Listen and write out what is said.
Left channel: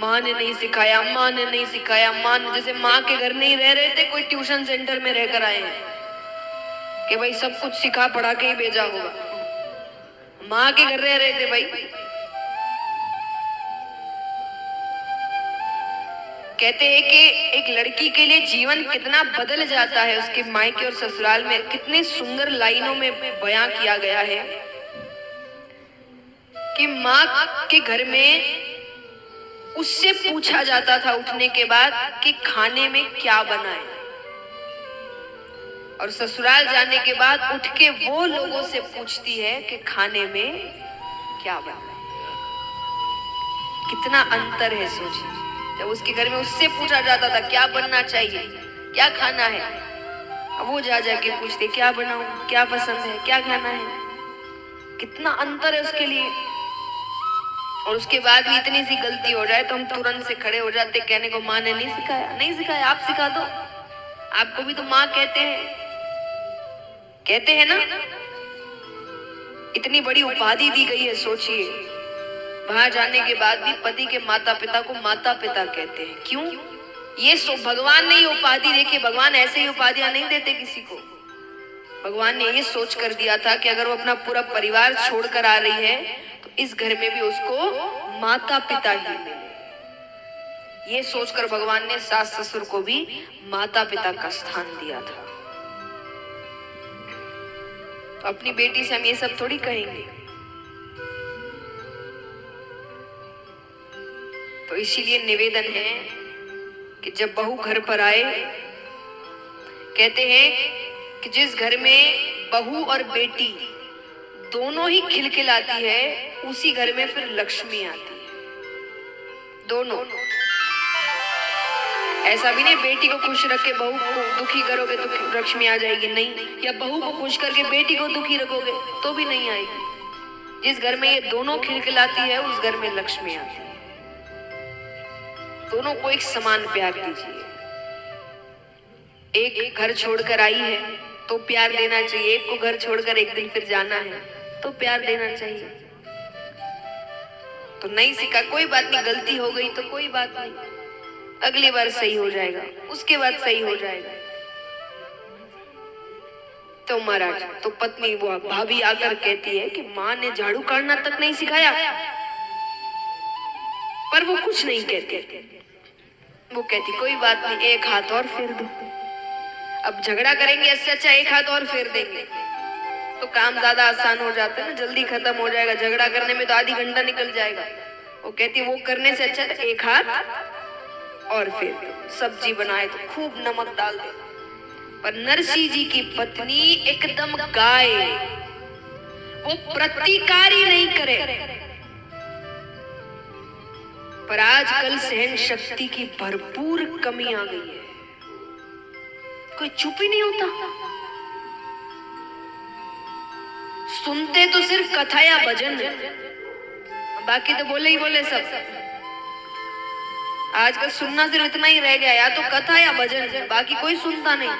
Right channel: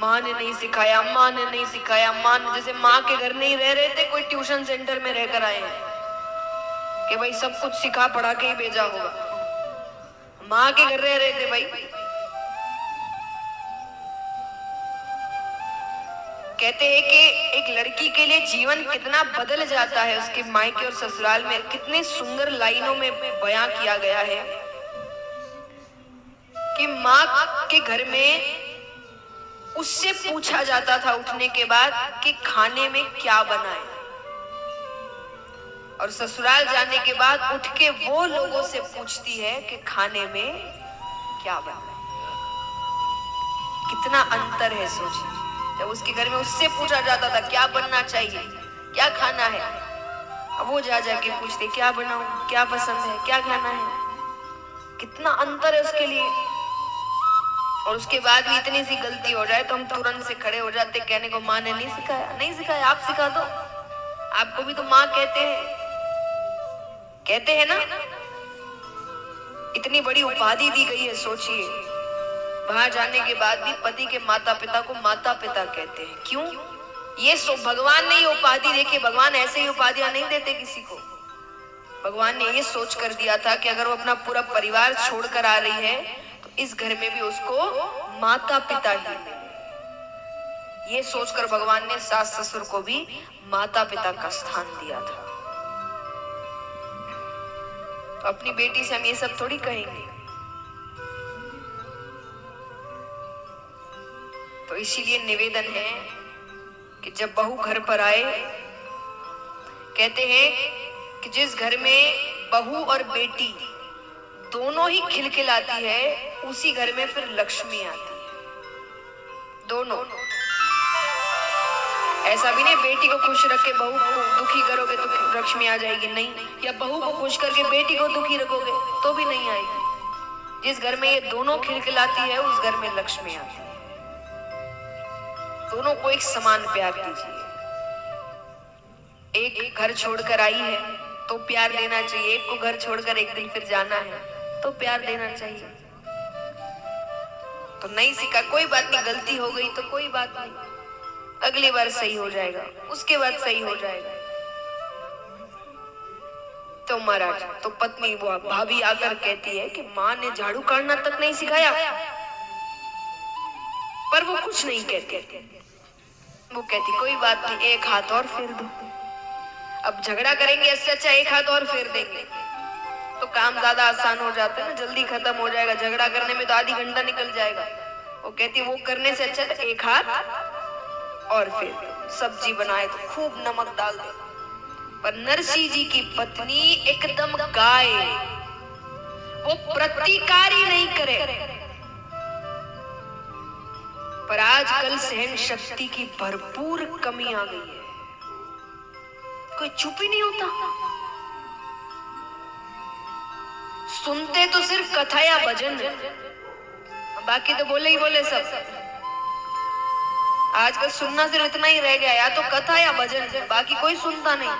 माँ ने नहीं सिखाया, माँ ने नहीं सिखाया, माँ ने, जैसे माँ के घर नहीं रह रहे थे, कोई ट्यूशन सेंटर में रहकर आए हैं कि भाई सब कुछ सिखा पढ़ा के ही भेजा होगा। माँ के घर रह रहे थे भाई। कहते हैं कि एक लड़की के लिए जीवन कितना बदल जाता है, उसके मायके और ससुराल में कितने सुंदर लाइनों में बयां किया गया है कि माँ के घर में उससे पूछा जाता था उठने के बाद कि खाने में क्या बनाए, और ससुराल जाने के बाद उठ के वो लोगों से पूछती है कि खाने में क्या बनाए। कितना अंतर है सोचिए। जब उसके घर में उससे पूछा जाता था क्या बनना चाहिए, क्या खाना है, अब वो जा जाके पूछते क्या बनाऊं, क्या पसंद है, क्या खाना है। कितना अंतर है उसके लिए। और उसके बाद भी इतनी सी गलती हो जाए तो हम तुरंत से खड़े हो जाते कहने को माँ ने नहीं सिखाया। नहीं सिखाया, आप सिखा दो, आपको भी तो माँ कहते हैं ना। इतनी बड़ी उपाधि दी गई है, सोचिए। वहां जाने के बाद भी पति के माता पिता को माता पिता कहते हैं। क्यों? ये भगवान ने ये उपाधि देखी। भगवान ऐसे ही उपाधियां नहीं देते किसी को। भगवान ने ये सोच कर दिया था कि अगर वो अपना पूरा परिवार छोड़कर आ रही है तो इस घर में भी उसको माता पिता ही मिले। ये सोचकर भगवान ने सास ससुर को भी माता पिता का स्थान दिया था। तो अपनी बेटी से हम ये सब थोड़ी कहेंगे। तो इसीलिए निवेदन है कि जब बहू घर पर आए, कहते हैं कि जिस घर में बहू और बेटी दोनों ही खिलखिलाती है उसी घर में फिर लक्ष्मी आती है। दोनों। ऐसा भी नहीं बेटी को खुश रख के बहू को दुखी करोगे तो लक्ष्मी आ जाएगी, नहीं। या बहू को खुश करके बेटी को दुखी रखोगे तो भी नहीं आएगी। जिस घर में ये दोनों खिलखिलाती है उस घर में लक्ष्मी आती है। दोनों को एक समान प्यार दीजिए। एक घर छोड़कर आई है तो प्यार देना चाहिए, एक को घर छोड़कर एक दिन फिर जाना है तो प्यार देना चाहिए। तो नहीं सीखा, कोई बात नहीं, गलती हो गई तो कोई बात नहीं, अगली बार सही हो जाएगा, उसके बाद सही हो जाएगा। तो महाराज, तो पत्नी वो भाभी आकर कहती है कि माँ ने झाड़ू काटना तक नहीं सिखाया, पर वो कुछ नहीं कहते। वो कहती कोई बात नहीं, एक हाथ और फेर दो। अब झगड़ा करेंगे इससे अच्छा एक हाथ और फेर देंगे तो काम ज्यादा आसान हो जाता है ना, जल्दी खत्म हो जाएगा। झगड़ा करने में तो आधी घंटा निकल जाएगा। वो कहती वो करने से अच्छा तो एक हाथ और फेर दो। सब्जी बनाए तो खूब नमक डाल दे। पर नरसिंह जी की पत्नी एकदम गाय, वो प्रतिकार ही नहीं करे। पर आजकल सहन शक्ति की भरपूर कमी आ गई है, कोई चुप ही नहीं होता। सुनते तो सिर्फ कथा या भजन, बाकी तो बोले ही बोले सब। आजकल सुनना सिर्फ इतना ही रह गया, या तो कथा या भजन, बाकी कोई सुनता नहीं।